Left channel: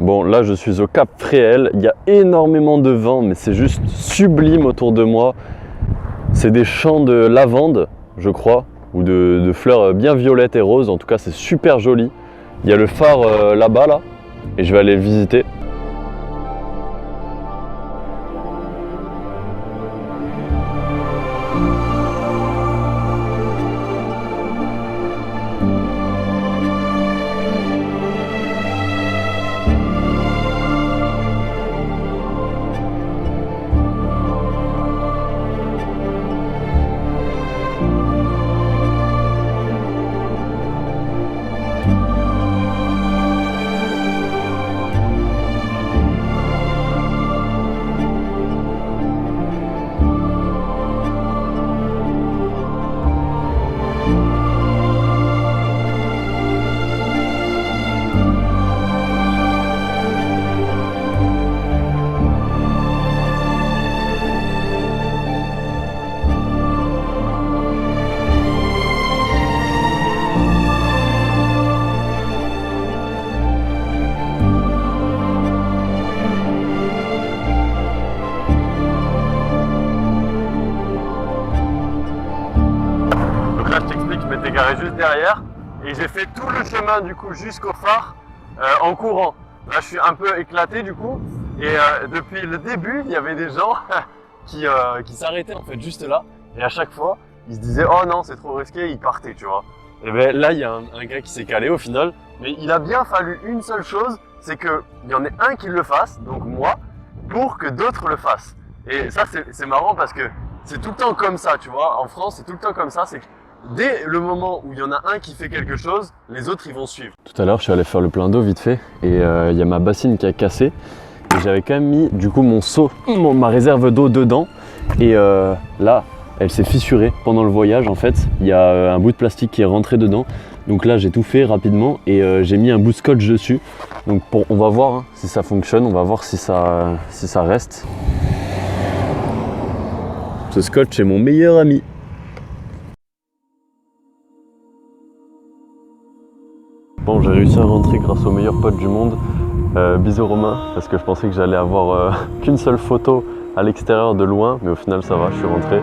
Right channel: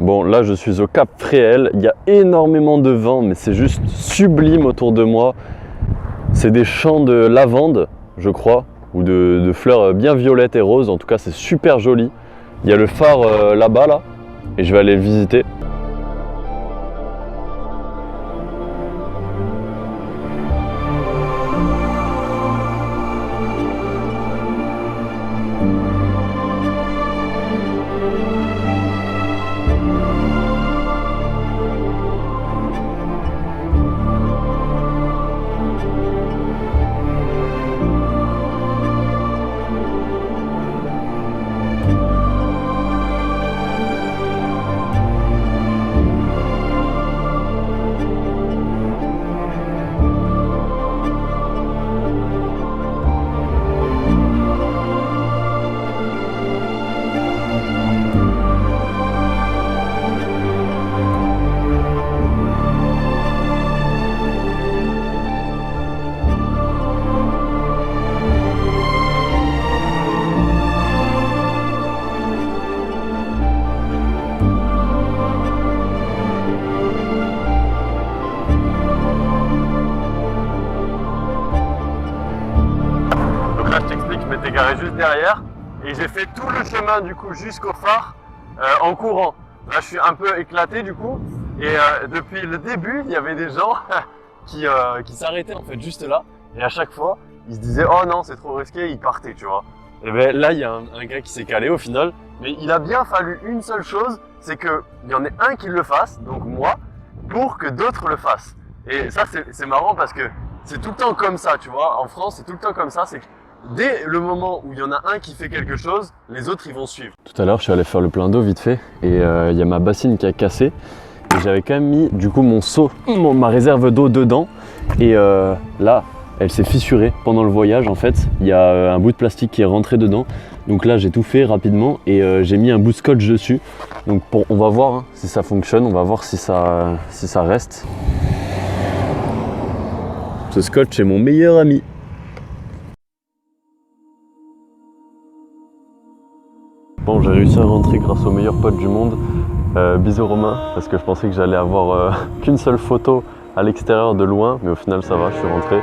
Bon, là je suis au Cap Fréhel, il y a énormément de vent, mais c'est juste sublime autour de moi. C'est des champs de lavande, je crois, ou de fleurs bien violettes et roses, en tout cas c'est super joli. Il y a le phare là-bas, là, et je vais aller le visiter. Je m'étais garé juste derrière et j'ai fait tout le chemin du coup jusqu'au phare en courant. Là je suis un peu éclaté du coup et depuis le début il y avait des gens qui s'arrêtaient en fait juste là et à chaque fois ils se disaient oh non c'est trop risqué, ils partaient tu vois. Et ben là il y a un gars qui s'est calé au final, mais il a bien fallu une seule chose, c'est qu'il y en ait un qui le fasse, donc moi, pour que d'autres le fassent. Et ça c'est marrant parce que c'est tout le temps comme ça tu vois, en France c'est tout le temps comme ça, c'est que dès le moment où il y en a un qui fait quelque chose, les autres ils vont suivre. Tout à l'heure je suis allé faire le plein d'eau vite fait et il y a ma bassine qui a cassé et j'avais quand même mis du coup mon seau, ma réserve d'eau dedans et là elle s'est fissurée pendant le voyage en fait. Il y a un bout de plastique qui est rentré dedans, donc là j'ai tout fait rapidement et j'ai mis un bout de scotch dessus. Donc on va voir hein, si ça fonctionne, on va voir si ça reste. Ce scotch est mon meilleur ami. Bon, j'ai réussi à rentrer grâce au meilleur pote du monde. Bisous Romain, parce que je pensais que j'allais avoir qu'une seule photo à l'extérieur de loin, mais au final ça va, je suis rentré.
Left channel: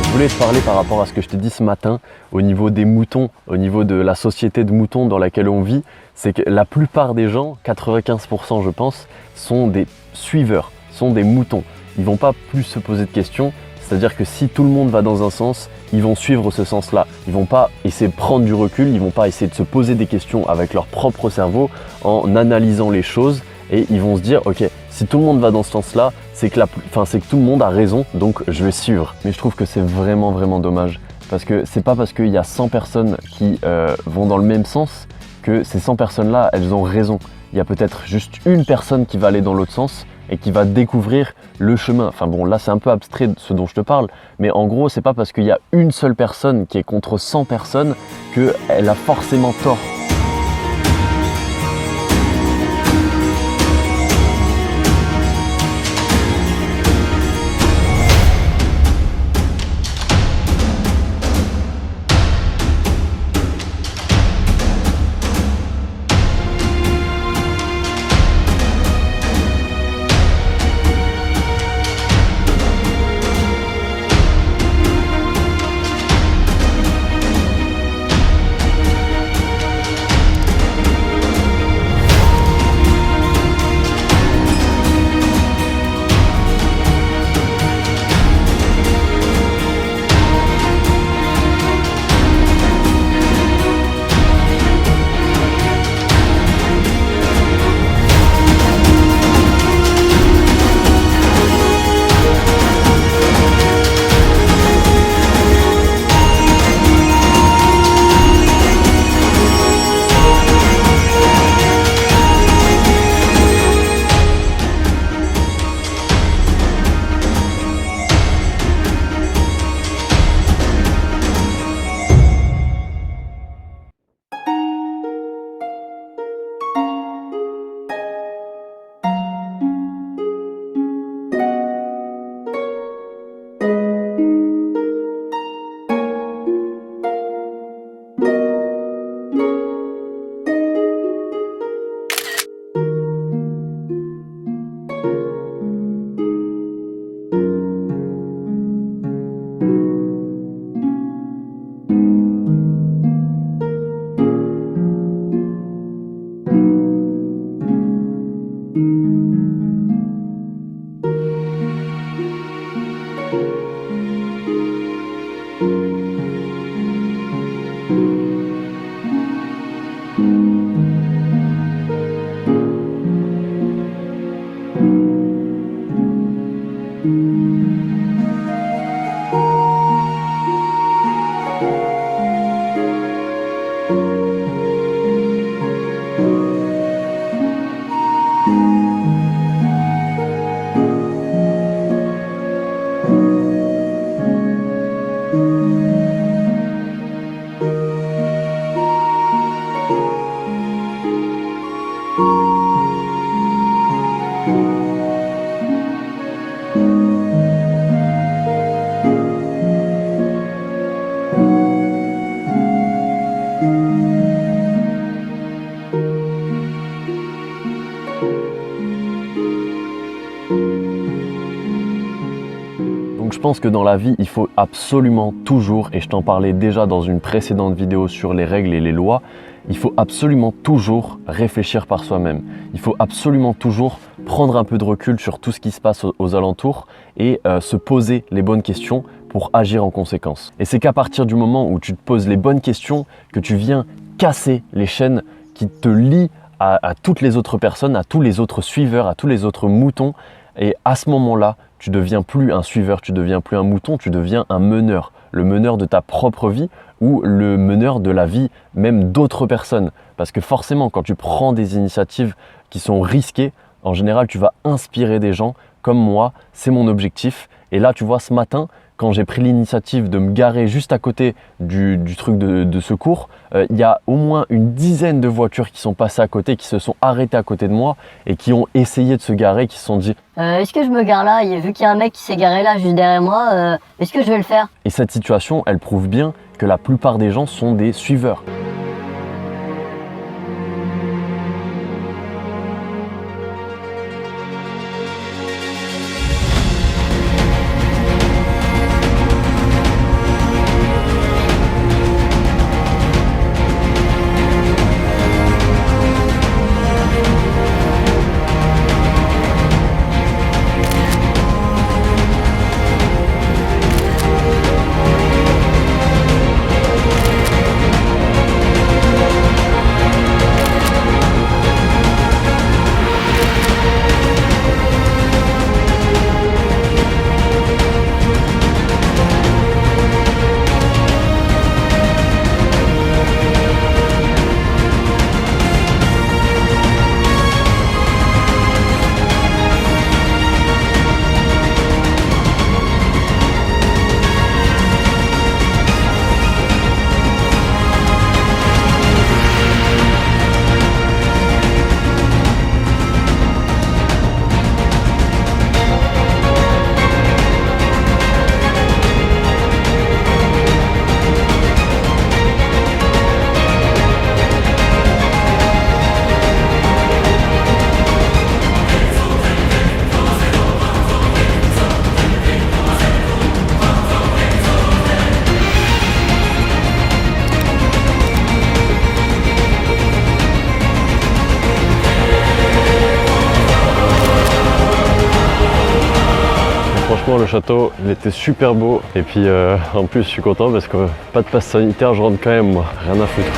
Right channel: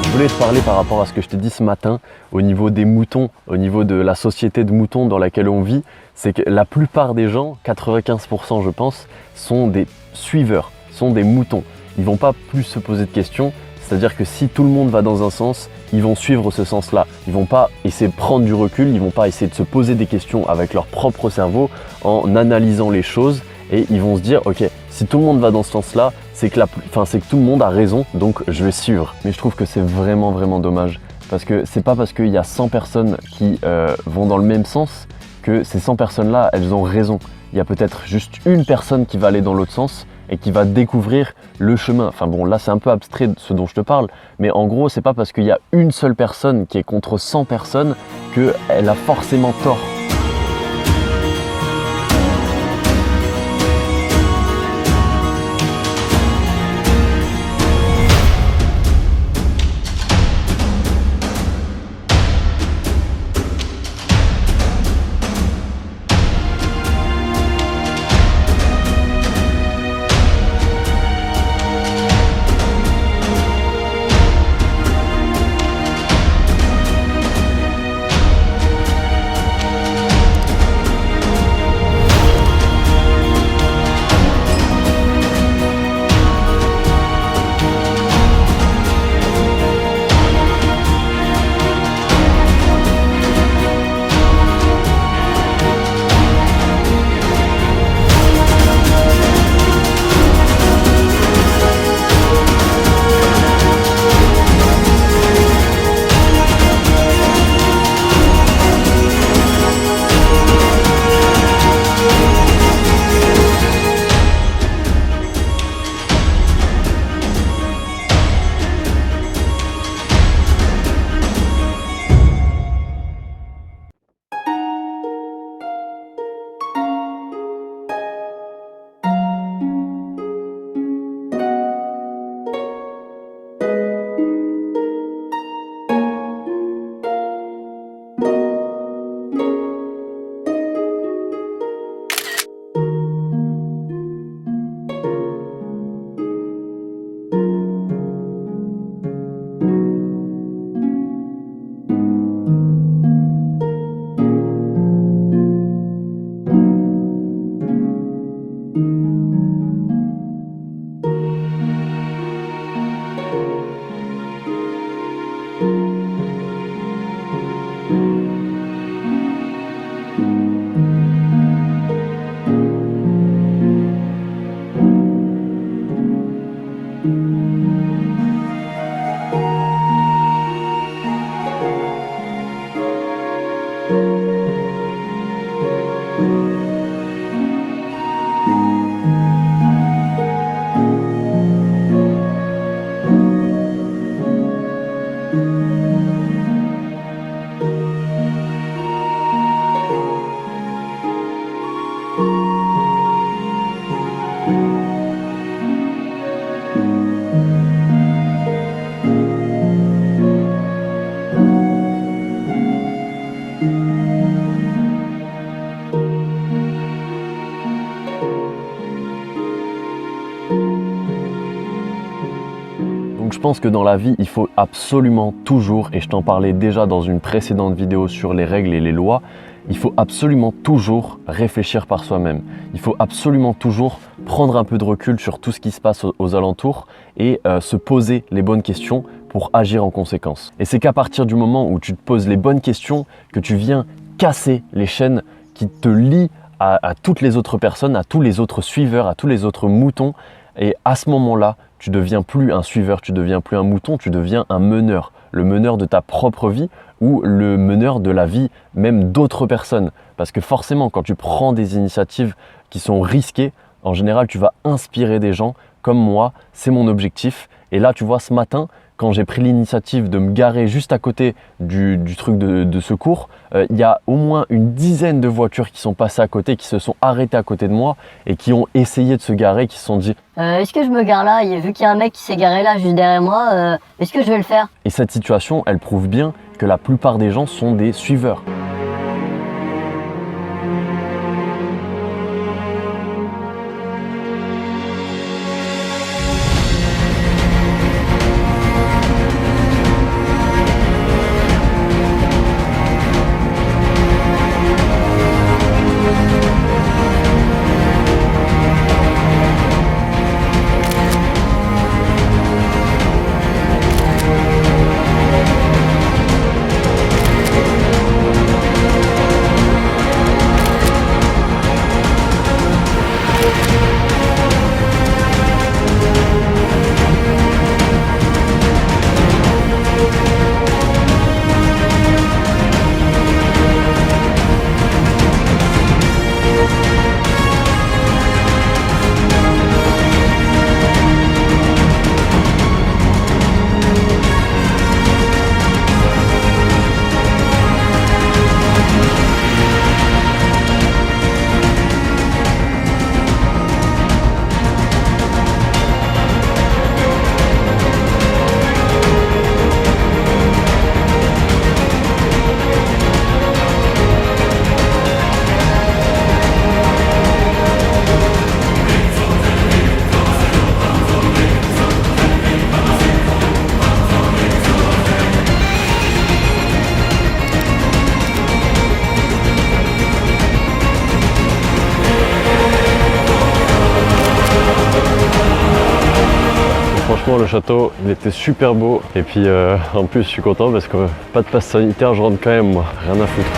Je voulais te parler par rapport à ce que je t'ai dit ce matin au niveau des moutons, au niveau de la société de moutons dans laquelle on vit. C'est que la plupart des gens, 95% je pense, sont des suiveurs, sont des moutons. Ils vont pas plus se poser de questions, c'est-à-dire que si tout le monde va dans un sens, ils vont suivre ce sens-là. Ils vont pas essayer de prendre du recul, ils vont pas essayer de se poser des questions avec leur propre cerveau en analysant les choses et ils vont se dire ok, si tout le monde va dans ce sens-là, c'est que tout le monde a raison, donc je vais suivre. Mais je trouve que c'est vraiment dommage parce que c'est pas parce qu'il y a 100 personnes qui vont dans le même sens que ces 100 personnes-là, elles ont raison. Il y a peut-être juste une personne qui va aller dans l'autre sens et qui va découvrir le chemin. Enfin bon, là c'est un peu abstrait ce dont je te parle, mais en gros, c'est pas parce qu'il y a une seule personne qui est contre 100 personnes qu'elle a forcément tort. Donc je pense que dans la vie, il faut absolument toujours, et je t'en parlais déjà dans une précédente vidéo sur les règles et les lois, il faut absolument toujours réfléchir par soi-même. Il faut absolument toujours prendre un peu de recul sur tout ce qui se passe aux alentours et se poser les bonnes questions pour agir en conséquence. Et c'est qu'à partir du moment où tu te poses les bonnes questions que tu viens casser les chaînes qui te lient à toutes les autres personnes, à tous les autres suiveurs, à tous les autres moutons. Et à ce moment-là, tu deviens plus un suiveur, tu deviens plus un mouton, tu deviens un meneur. Le meneur de ta propre vie ou le meneur de la vie même d'autres personnes. Parce que forcément, quand tu prends des initiatives qui sont risquées, en général, tu vas inspirer des gens comme moi. C'est mon objectif. Et là, tu vois, ce matin, quand j'ai pris l'initiative de me garer juste à côté du truc de secours, il y a au moins une dizaine de voitures qui sont passées à côté, qui se sont arrêtées à côté de moi et qui ont essayé de se garer, qui se sont dit est-ce que je me gare là? Vu qu'il y a un mec qui s'est garé là juste derrière moi, est-ce que je vais le faire? Et cette situation, elle prouve bien que la plupart des gens sont des suiveurs. Franchement, le château, il était super beau. Et puis en plus, je suis content parce que pas de passe sanitaire, je rentre quand même, moi. Rien à foutre.